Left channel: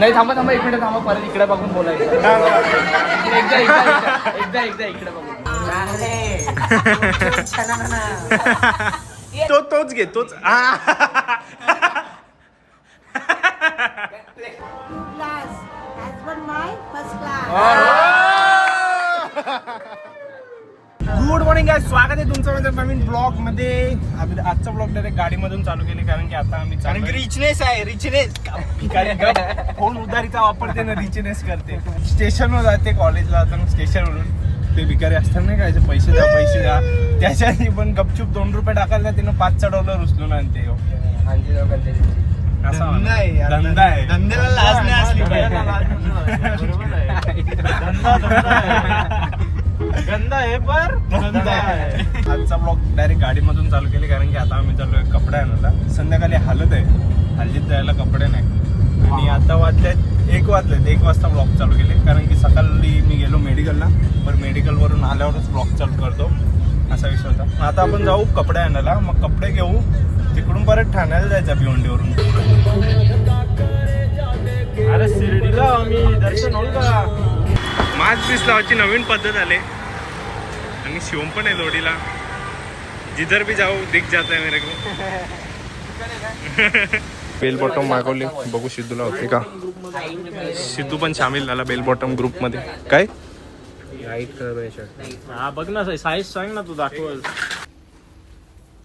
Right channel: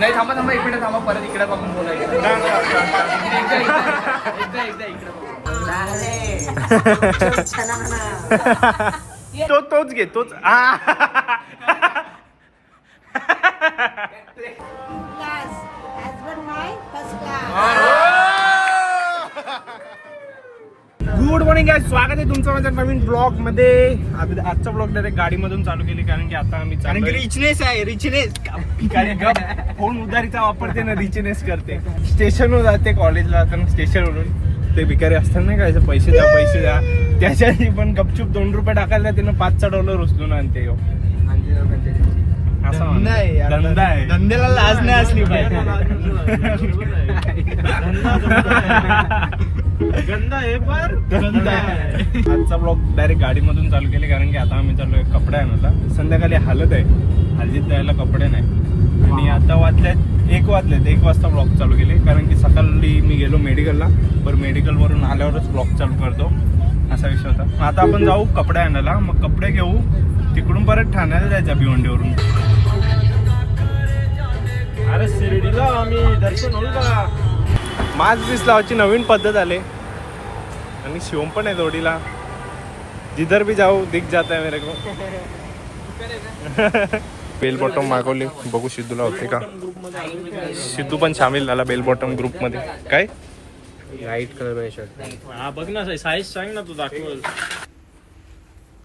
नाही थांबा थांबा इकडे थांबा परत इकडे बघून बोलायचं एकदा इकडे तोच घे तोच गुड मॉर्निंग गाइस, स्वागत आहे तुमचं माझ्या नवीन ब्लॉग मध्ये. आजचा ब्लॉग डायरेक्ट गाडीमधून चालू केली कारण की आता आम्ही रिचनेस आहे रिचनेस कोण उधारीचा वापरते ना रिचनेस करते. स्टेशनवर जाते कॉलेजला जाताना स्टेशनवरून ते भिकारी असतात नाही का पैसे द्या त्याच्यासाठी पण गपचूप $2 टाकायला त्यानं $5 उचलून आणते. असा धंदा आहे, धंद्याला लाज नाही असली गंदा आहे पर गंदा आहे. आजचा ब्लॉग डायरेक्ट गाडीमधून चालू केले कारण की आता आम्ही चालू कपडे आणायला. संध्याकाळी हालत आहे, हल्लीत जायला कपडे नाही आणि आता वाजल्यात 1 वाजता ब्लॉग चालू केले कारण की सकाळी मी गेलो मेडिकलला, पण मेडिकलवरून आल्यावरच ब्लॉग चालू करतो असा विषय होता. आता आपण जाऊ कपडे आणायला, मग कपडे घेऊ तिकडून परत ठाण्याला जायचं भिवंडीवरून. अरे शिर्डीला आम्ही दर्शन होईल का? मास्क बीस लावायची नवीन पद्धत आले आणि शिवम पण आहे जोडीला. जिधर भी जाऊ दिख जाता है मेरे को. बेल बॉटम मागवले, बघू सिद्धूला होते का. सिद्धू पण सामील झाला बेल बॉटम ग्रुप मध्ये. काय लाईट कलर शर्ट. हा बघ ना साईज सांग ना तू दाखव.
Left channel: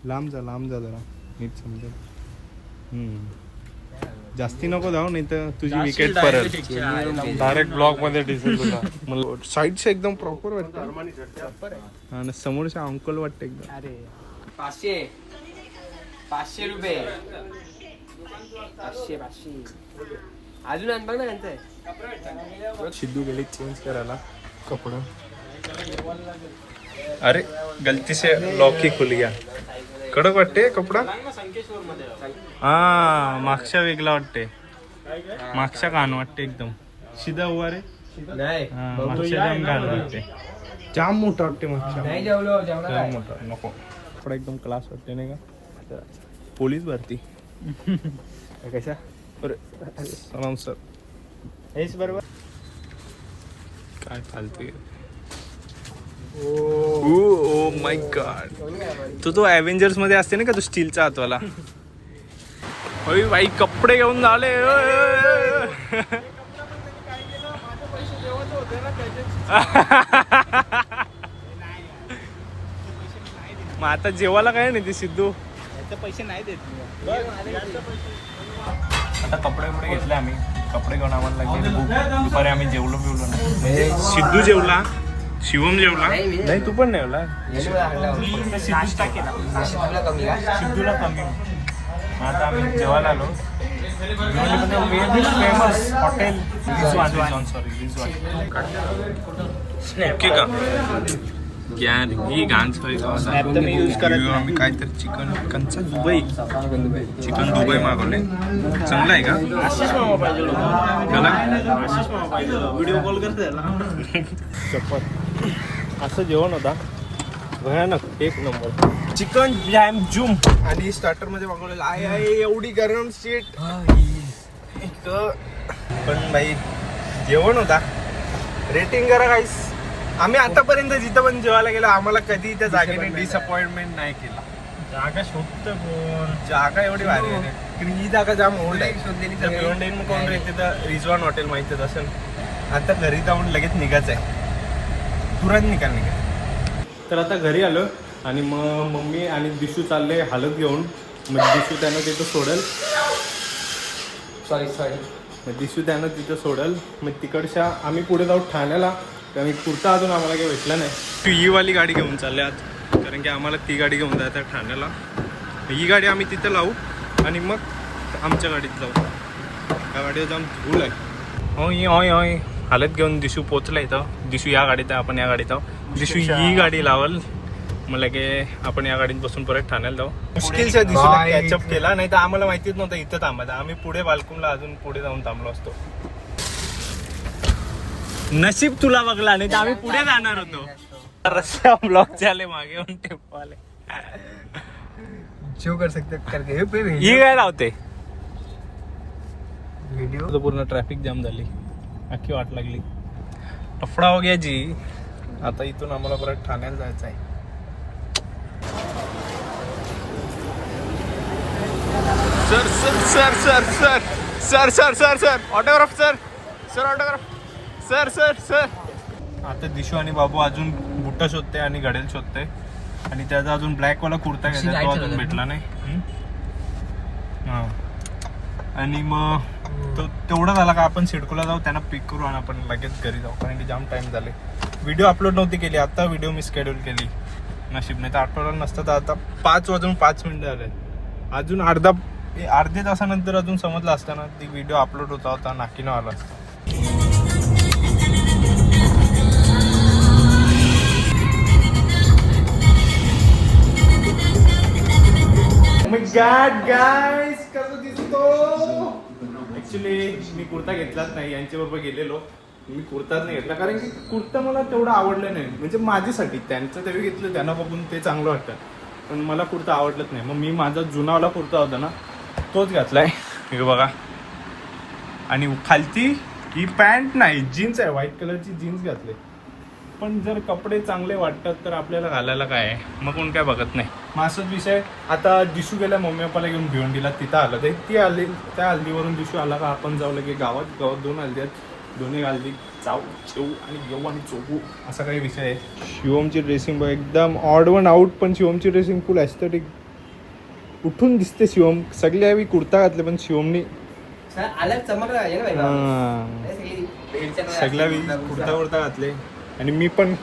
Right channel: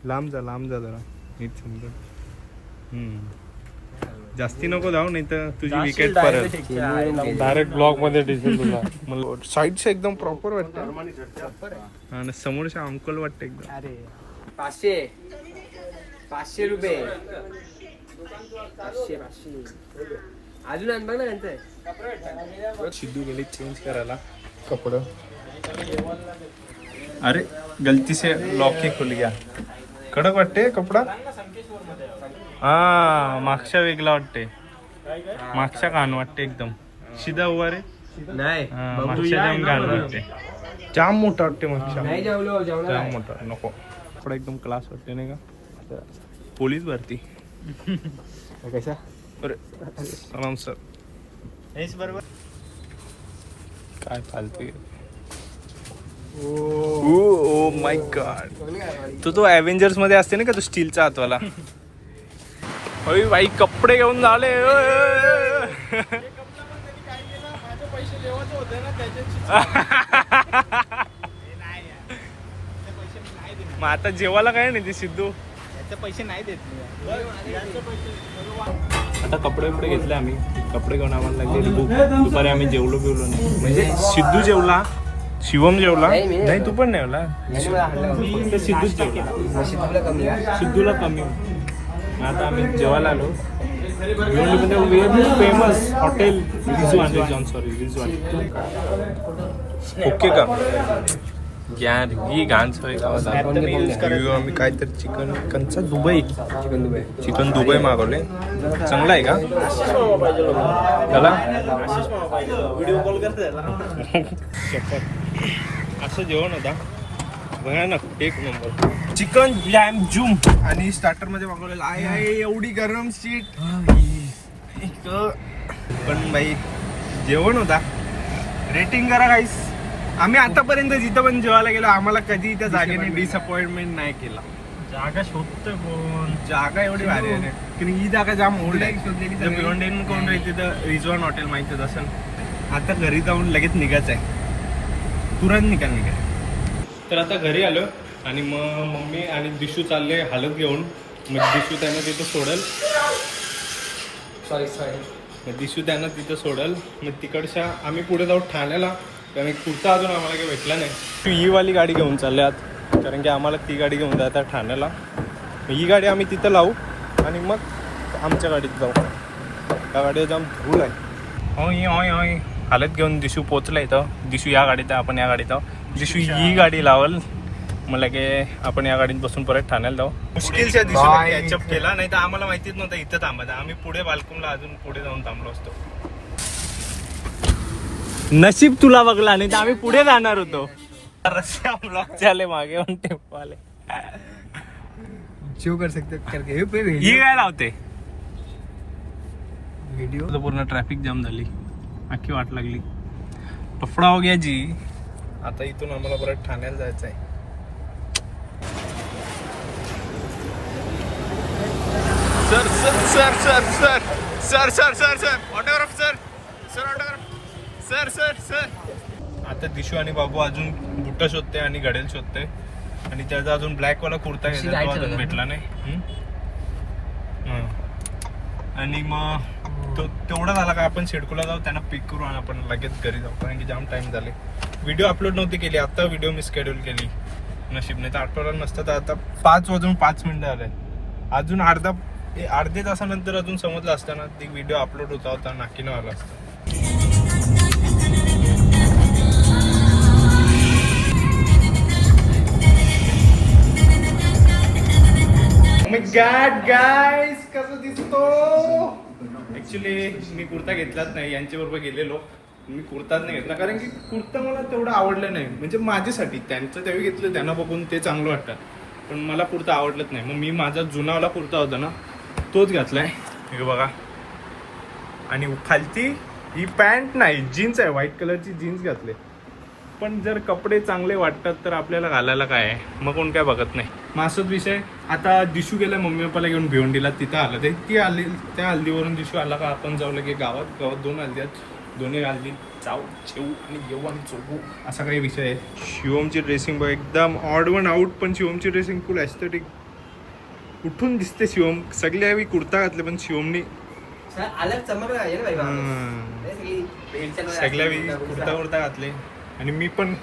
लांब जा जरा नीट समजा. जास्ती नको जाऊ नाही तर तुझी विकेट परत डायरेक्ट ब्लॉक मध्ये दिसेल तुला. मला साईडचे एकदम प्रॉपर वाटतं आणि समोरच्या अंकल वाटतं एकदम. अरे 500 रुपये 500 अजून आण बघ ना त्यांचं. सिद्धू गेली चेंज करायला कपडे. अरे गलती से लॉक ही खुल गया. कडक वाटते कपडा. हा मागच्या वेगळा वाटते, मागच्या घाण वाटते एकदम. सीधा उभा रे. हा मागच्या जाम घाण वाटते, जाम मोठा वाटते मागच्या. जाम मोठा नको. थोडा एकदम क्लास वाटते नाही का. पोलीस भरती कशा. अरे सलाम सर. हेच बरोबर. काय फालतू. Oh my God. तो अव्हेंजर्स मध्ये असते ना का तो स्टीलचा हातवाला. होय बाई कपडे घेऊन झाले. मग आता जेवायला काय नाही ते सिद्धू पैसे नाही देत. आता कपडे घेतले आम्ही. कपडे घेऊन आम्हाला लागले भूक. दुपारी आम्ही जेवलो बिवलो नाही. म्हणजे सिद्धू जेवला, शिवम जेवला, तू पण जेवला. सिद्धूला कमी. आता आम्ही जेवायला आलो. फेमस हॉटेल ओके का ज्ञान ही घाण सवय आम्ही काहीतरी चिकनचा चिकन दुबई मागवले. चांगला आहे का त्याला. व्हिडिओ कॉल करते. असं जेवण होता भयानक, 1 नंबर. चिकन जॅम जूम आणि स्टार्टर मध्ये मागवलेलं आहे. एवढी गरम सीट पण भाई जेवण होता. रेटिंग करा गाईस. आम्ही आतापर्यंत जिथं पण जेवायला गेलो आम्हाला कधी त्या जागेने डिसअपॉइंटमेंट नाही केलं. जागा शोधतो. जागा एवढी भारी आहे की ही जागा जाम ओल्ड आहे. भिवंडीहून कोण राहते तर रिजवान हॉटेल माहितीच असेल. आता घरी जाऊन लगेच निघायचं आहे, तुरंत निघाल. तर आता घरी आलो आणि मग मम्मी आणि दिशू चालले हालत घेऊन. मग दिशू त्यानं तिथं सोडेल. मग दिशू त्यानं तिथं सोडेल. मग तिकडच्या आम्ही पुढे जाऊ ठाण्याला कारण कुर्ता अजून आम्हाला काही भेटला नाही. ही वाली गाडी घेऊन चालले आज कारण की आम्हाला ती गाडी घेऊन जायचं ठाण्याला. ही गाडी आम्ही तिथं लावू आणि मग आमच्या गाडीत जाऊ. त्या गाडीवर जाम धूल आहे. होय हालत घेऊन दिशू पोचला इथं. दिशू या गाडीत आहे, आपण या गाडीत आहोत. दिशू ही गाडी लावल मला की आपण या गाडीत बसून परत ठाण्याला जाऊ. मुश्किलच्या दिशेला कॅचअप केला, नाही तर आम्हाला माहितीच नव्हतं इथं थांबायचं. आम्ही पुढे बालकुमला अजून पुढे जाऊन थांबलो असतो. नशीब तुला बघला नाही तर आम्ही पुढे जाणार होतो. रस्ता ब्लॉक झाले मागे वाले. शो कर सकते करके ही काय लावते तर पूर्ण ट्रॅफिक जाम झाली, अख्खी वाट लागली, टफडा हो गया जी. आता इथून आम्हाला परत ठाण्याला जायचं आहे. Sir sir sir sir sir sir sir sir sir autograph sir sir autograph sir sir sir. आता दिशू आणि बाबू अजून बुट्ट शोधते आणि घडेल शोधते, आणि त्याचा अजून ब्लॅकवाला कुर्ता घ्यायचा, तो अजून भेटला नाही. हां, आणि मग तो तेवढा झाला का आपण सिडकोला जाऊ, त्यांना पिक करू आणि आपण लगेच घरी जाऊ, कारण की जाम टाइम झाले. व्हिडिओ अपलोड नव्हती केली, आता व्हिडिओ मी शेड्यूल केली. नशीब नाही तर आठवड्याला नसतं तर आता 5:05 झाले. अजून अर्ध्या तासानंतर अजून समजलं असतं ना, ती व्हिडिओ अपलोड होता नाकीनं आला असता. गाईस कसं दिसतो. ऍक्च्युली मी कुर्ता घेतलाच नाही, यांच्याबरोबर गेलेलो, मी कुर्ताच नाही घेतला कारण की कुर्ता मला तेवढं आवडलं नाही. म्हणजे माझ्यासाठी, त्यांचं तेव्हा घेतलं, त्यांना बघून ते चांगलं वाटतं, पण मला कुर्ता आवडलंच नाही. मग मी माझा जुनावाला कुर्ता होता ना, तोच घातलाय. हे बघा, आणि खालती ही पॅन्ट नाही, जीन्स आहे, व्हाईट कलरची जीन्स घातले. पण जर कपडे चांगले वाटतात तर आपल्याला घालायला काय आहे, मग कोण काय बघत नाही. मग असंच विषय. आता दिशू गेला मम्मी पप्पाला घेऊन भिवंडीला, तिथं आलं ते, ती आली, त्या हल्दीवरून दिशू आला का आपण जाऊ लगे गावात 2 हल्दी आहेत, दोन्ही हल्दी जाऊ जेऊ आणि घेऊ आणि चोपू, असा काही विषय आहे. शिवमची ड्रेसिंग बघ, एकदम ऑड वन आउट, पण शिवमची ड्रेसिंग फुल एस्थेटिक उठून दिसते. शिवम सगळे आम्ही कुर्ता घातले, पण शिवमनी सगळ्या कुर्ता घातले, आणि मी पण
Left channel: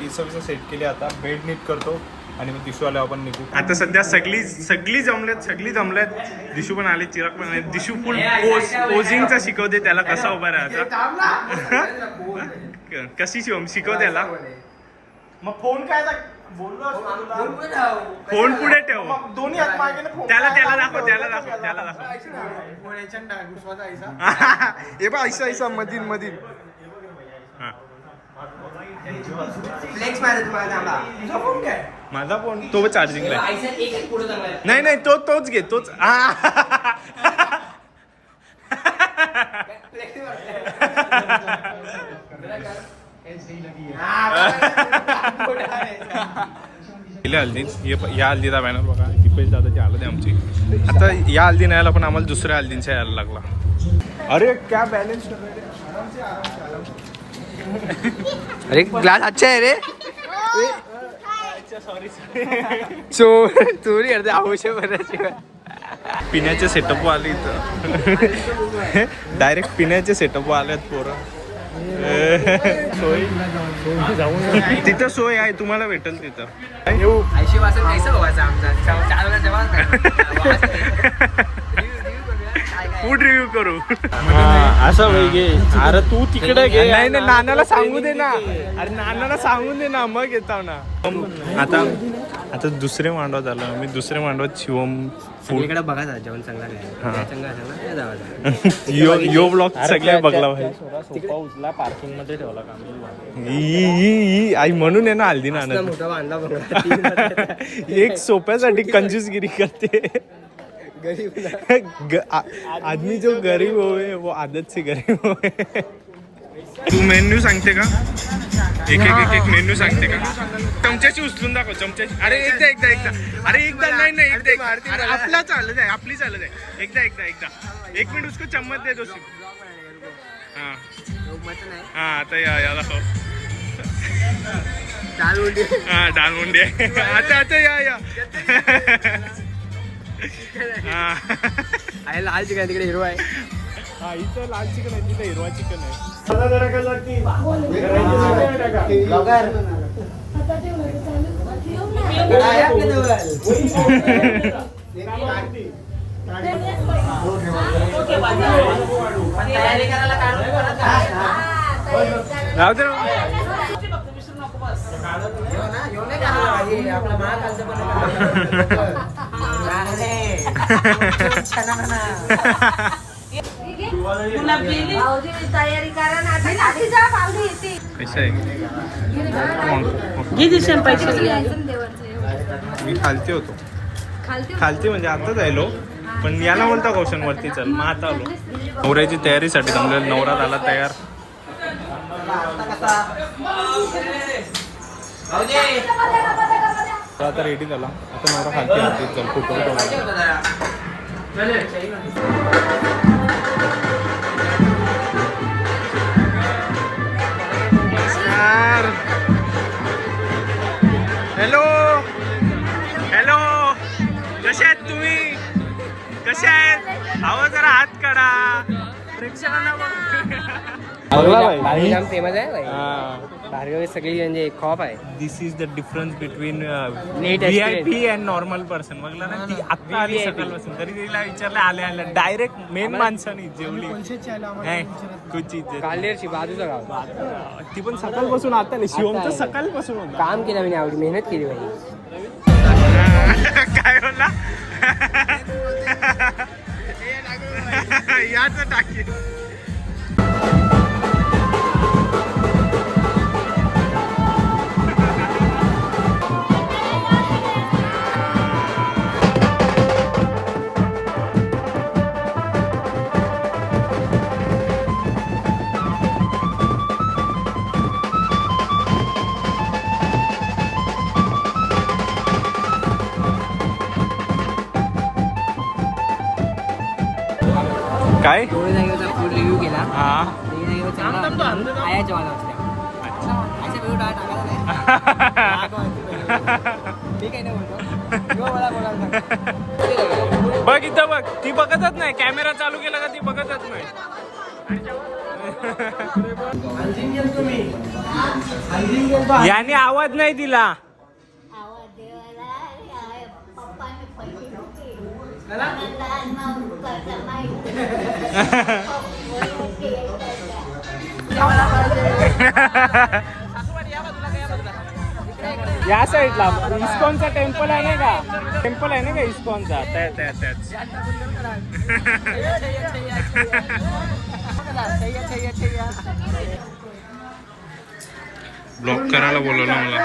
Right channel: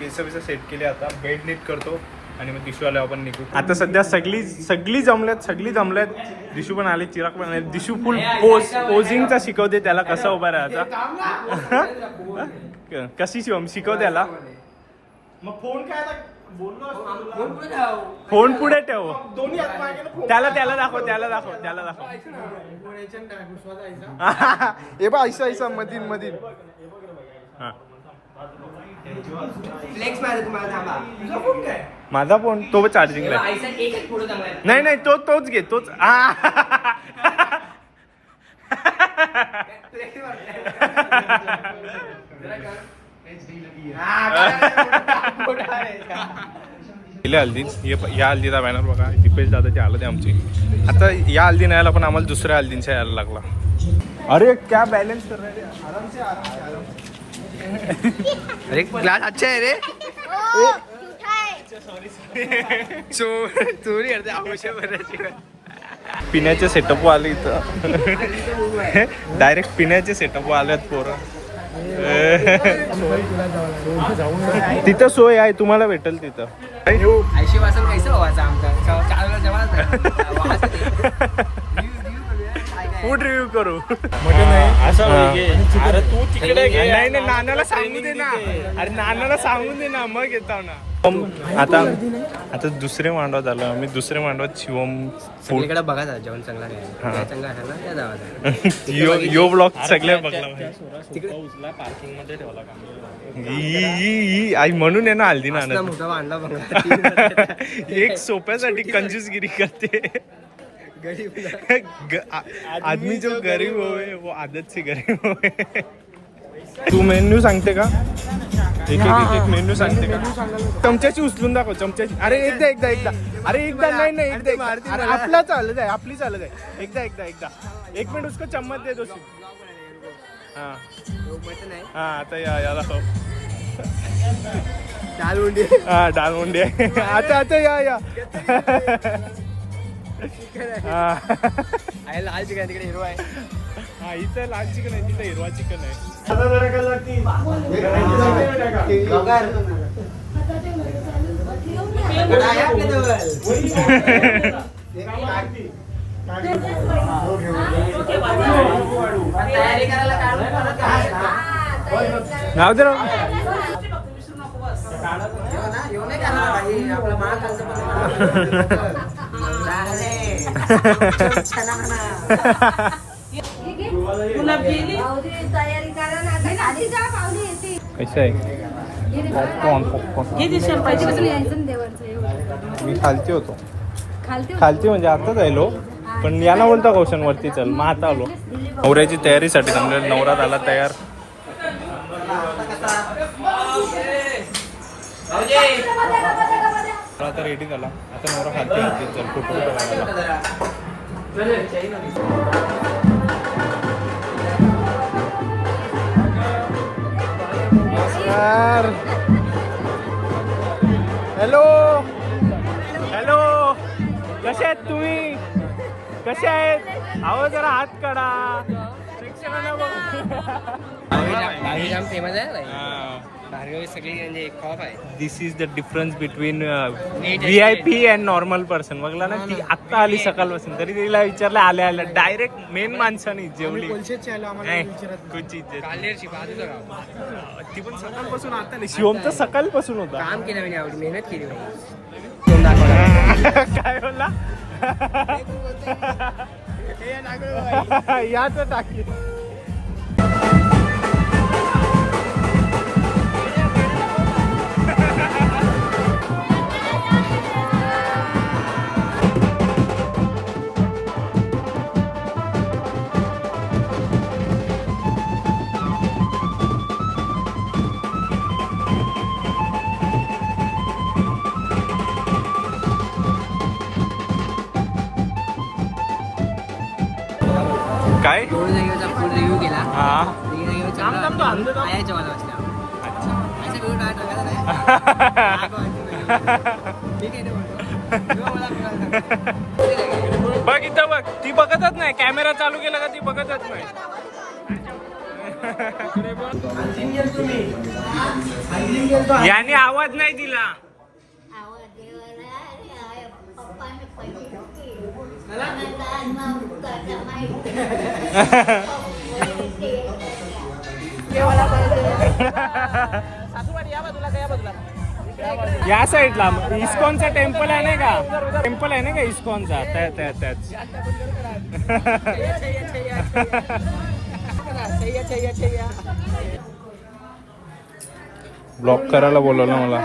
केस सेट केले. आता बेड नीट करतो आणि मग दिशू आल्यावर आपण निघू. आता सध्या सगळी जमल्यात. दिशू पण आले, चिराग पण आले. दिशू फुल पोजिंगचा शिकवते त्याला, कसा उभा राहायचा. कशी शिकव त्याला. मग फोन काय फोन पुढे ठेव, त्याला दाखव. हे बा ऐसा मधीन. हा, माझा फोन तो चार्जिंगला आहे. नाही तोच घे, तोच. या हल्दीचा बॅनर बघा, हिपेश दादाची हालत आहे आमची. आता या हल्दी नाही आला, पण आम्हाला दुसऱ्या हल्दींचा यायला लागला. अरे क्या बैलेंस कर रहे हैं, आराम से. अरे ग्लास अच्छा है रे. चोरी अर्धे आवश्यक. पिण्याचे सेटअप आले इथं, डायरेक्ट पिण्याचे सेटअप आल्यात पोरं. तिथं सोय आहे, तुम्हाला भेटेल तिथं. फूड रिव्ह्यू करू. अरे तू तिकडे नाही, नानाला सांगू दे ना. अरे नानाला सांगून दे ना, मग येताव ना. आता दुसरे मांडवात झालं. आम्ही दुसरे मांडवात शिवम फूडकडे बघा जेवण चांगला काय चांगला असेल ना त्या यो ब्लॉग सगळ्या बघला पार्किंग मध्ये ठेवला. आई म्हणून आहे ना हल्दी नाना मोठा आणला बघा. एक सोप्यासाठी कंजूसगिरी करते. आदमी जो गरीब होवे वो आदत से गरीब होवे. तू मेन्यू सांगते का? एक मेन्यू सांगते का? चमच्याची उचलून दाखव, चमच्याची. अरे एकदा अरे एकदा नाही एकदा. अरे आपला चालत आहे, आपली चालत आहे. एकदा 1 मिनिट उसको चम्मच दे दो. हा आता या दाखव. डाल मुंडी आता या. लाल चिकन तिकडे हिरो आहे. हा इथं लाल चिकन आहे, तिथं हिरवा चिकन आहे. कैसा आहे? मी खालती होतो. खालती म्हणजे आता जायलो. पण याला बोलतो कौशन वरती चल, मग आता आलो. नवऱ्याची तयारीसाठी थांबले, नवरा झाला तयार. आता रेडी झाला, आता नवरा खालती खालती चल फोटो नमस्कार. हॅलो हॅलो, कसे आहेत तुम्ही? कसे आहेत? अहो जरा हात काढा, प्रेक्षकांना बघ. जाम फेमस आहे भाई. हा. भार्गवी सगळी म्हणजे खॉप आहे. This is the difference between VIP and normal person. बघला ना, ती आत्ता आली सकाळपासून, तरी तिला विचारलं आल्या आल्या डायरेक्ट मेन माणसाने जेवली. नाही, कुछ इज्जत. बाजूचं गाव. ती पण सकाळपासून आता आली. शिवमचं सकाळपासून होता. काम केलं मी आवडी, मेहनत केली भाई. काय बोलला? याच टाकी. काय? 2 जागेवरचा फुल रिव्ह्यू केला. हा. 3 जागेवर चांगला वाटला म्हणून आयाच्या मला वाटल्या. अच्छा. असे व्हिडिओ टाकायला नाही. ठीक आहे ना म्हणतो. किंवा मला बघायला सांगा. बघ इथं बघ, ती बघतच नाही. कॅमेरा चालू केला का ती बघतच नाही. याने आवाज नाही दिला. या साईडला इस्कॉनचं टेम्पल आहे का? टेम्पल आहे ना का इस्कॉनचा? त्याच ब्लॉक करायला बोलवलं मला.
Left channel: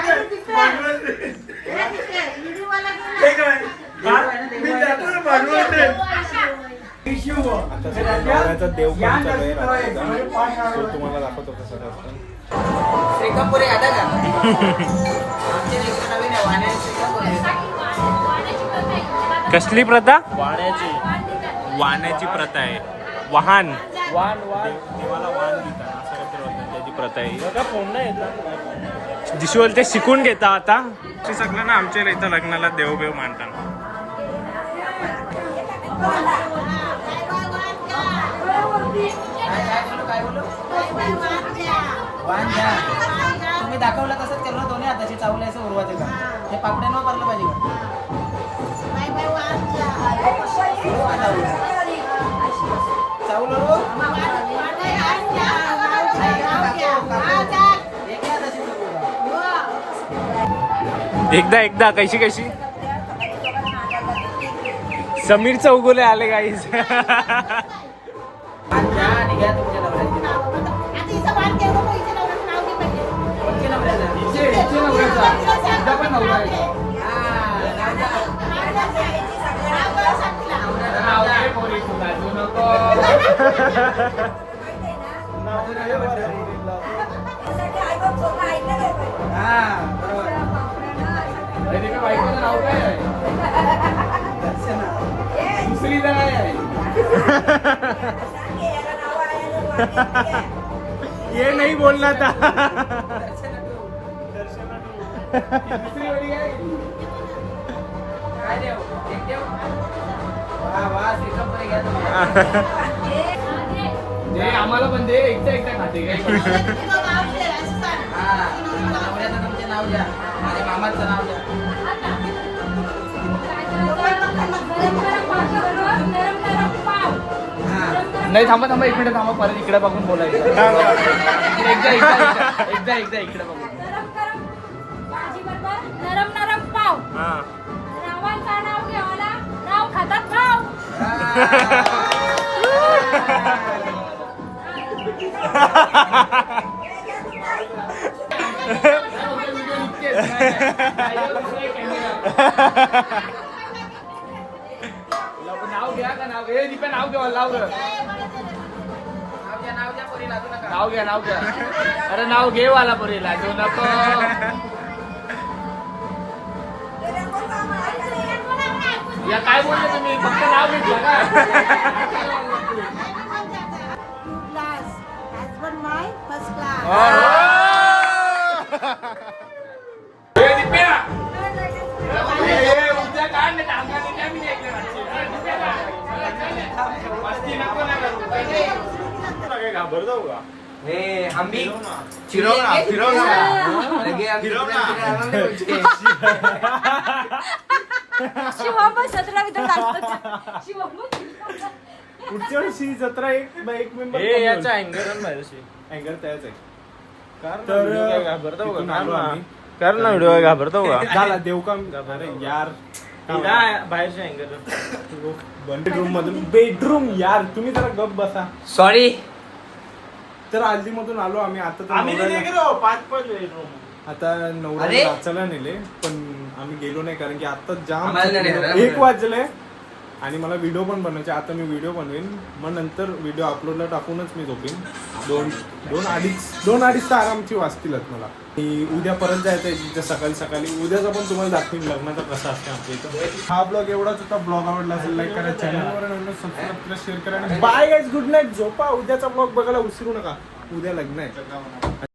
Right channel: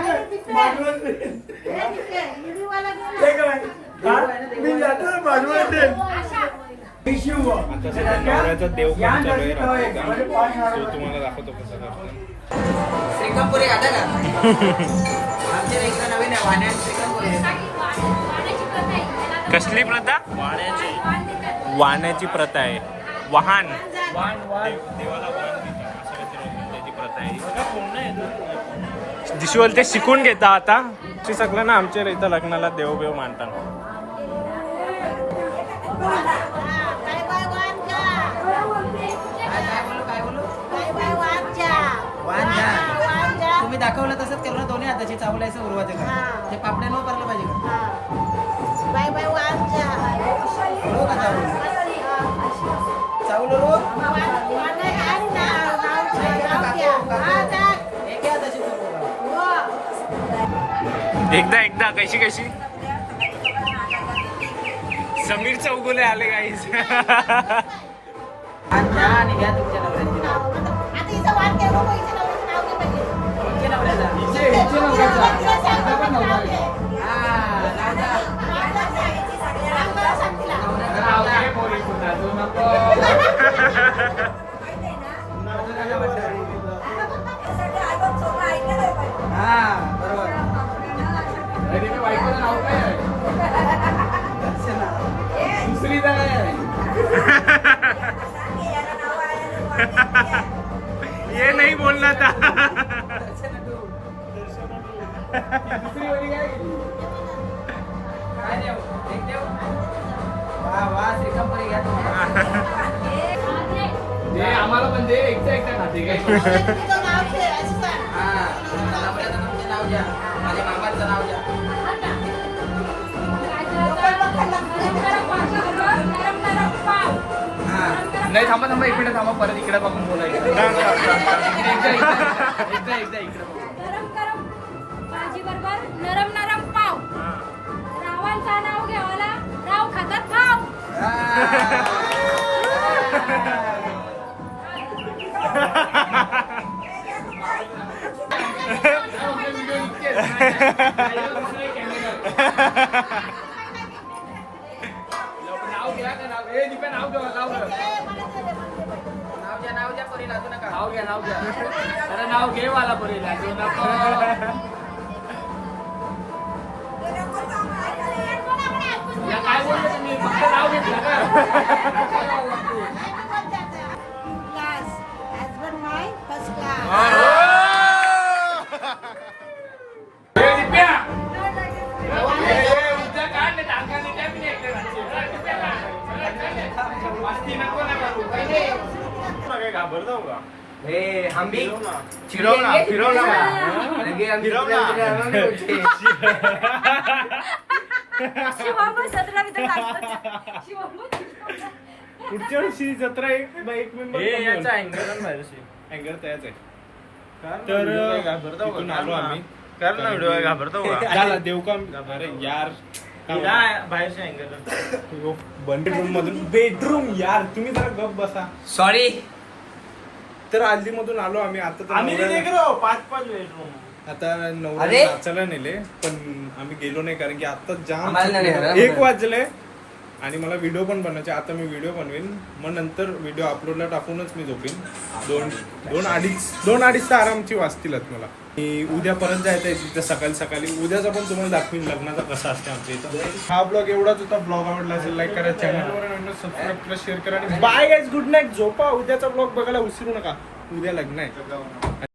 आता सध्या नवऱ्याचा देवकाम चालू आहे रात्रीचा. तो तुम्हाला दाखवतो कसा करतो. श्रीकांतपुरे आता का? आमच्या इकडे नवीन आहे वाण्यात श्रीकांतपुरे. कसली प्रथा? वाण्याची प्रथा आहे. वाहन देवाला वाहन देतात असं काहीतरी होतं, त्याची प्रथा आहे. दिशी बोलते शिकून घेता आता. सगळं ना आमच्या इथं लग्नाला देवबेव मानतात. तुम्ही दाखवलं तसंच केलं. दोन्ही हाताची चावलायचं उरवायचं का? ते पापड्या न पारलं पाहिजे का? चावलं रो. एकदा कशी समीर चौगुले आले गाईस. घ्या आणि घ्या तुमच्या नवऱ्याची नाव. कोणच्या नवऱ्याचा? दुसरी ये नहीं बोलना था. आम्हाला पण दे. एकटा खाते काय? नाव द्या. माझ्या मामाचं नाव द्या. नाही थांबा 1 मिनिट थांबा. परत इकडे बघून बोलायचं. एकदा इकडे बघून. भाजी बरोबर नरम पाव. रावांचं नाव घ्यावाला राव खातात भाव. नाव घ्या. नाव घ्या नाव घ्या नाव घ्या अरे नाव घे वाला पुरीला घेऊ नको या काय बोलले तुम्ही फक्त नाव घेतलं का Husband my first class. उद्या काय नाही काम का नाही मी नाही पुढच्या वर्षी जत्रा एक मेंबर अँगर तयाच आहे तर तिथून आलो आम्ही कर ना व्हिडिओ घाबरतो का झाला देऊ का अरे यार बेडरूम मधून बेडरूम यार तुम्ही जरा गप बसा सॉरी तर आल्दी मधून आलो आम्ही आता तर नवऱ्याला- 5 बेडरूम आता नवऱ्याला नाचायला नेले पण आम्ही गेलो नाही कारण की आता जाम आम्हाला नाही नेलं. 1 वाजले आणि मला व्हिडिओ पण बनवायचे आता मी व्हिडिओ बनवेन मग नंतर व्हिडिओ अपलोडला टाकूनच मी झोपेन 2-2.5 तर आरामची वाजतीलच मला उद्या परत जायचं आहे तिथं सकाळी उद्याचा पण तुम्हाला दाखवीन लग्नाचा कसा असते आमच्या इथं हा ब्लॉग एवढाच होता ब्लॉग आवडला असेल लाईक करा चॅनलवर सबस्क्राईब करा शेअर करा आणि बाय गाईज गुड नाईट झोपा उद्याचा ब्लॉग बघायला विसरू नका उद्या लग्न आहे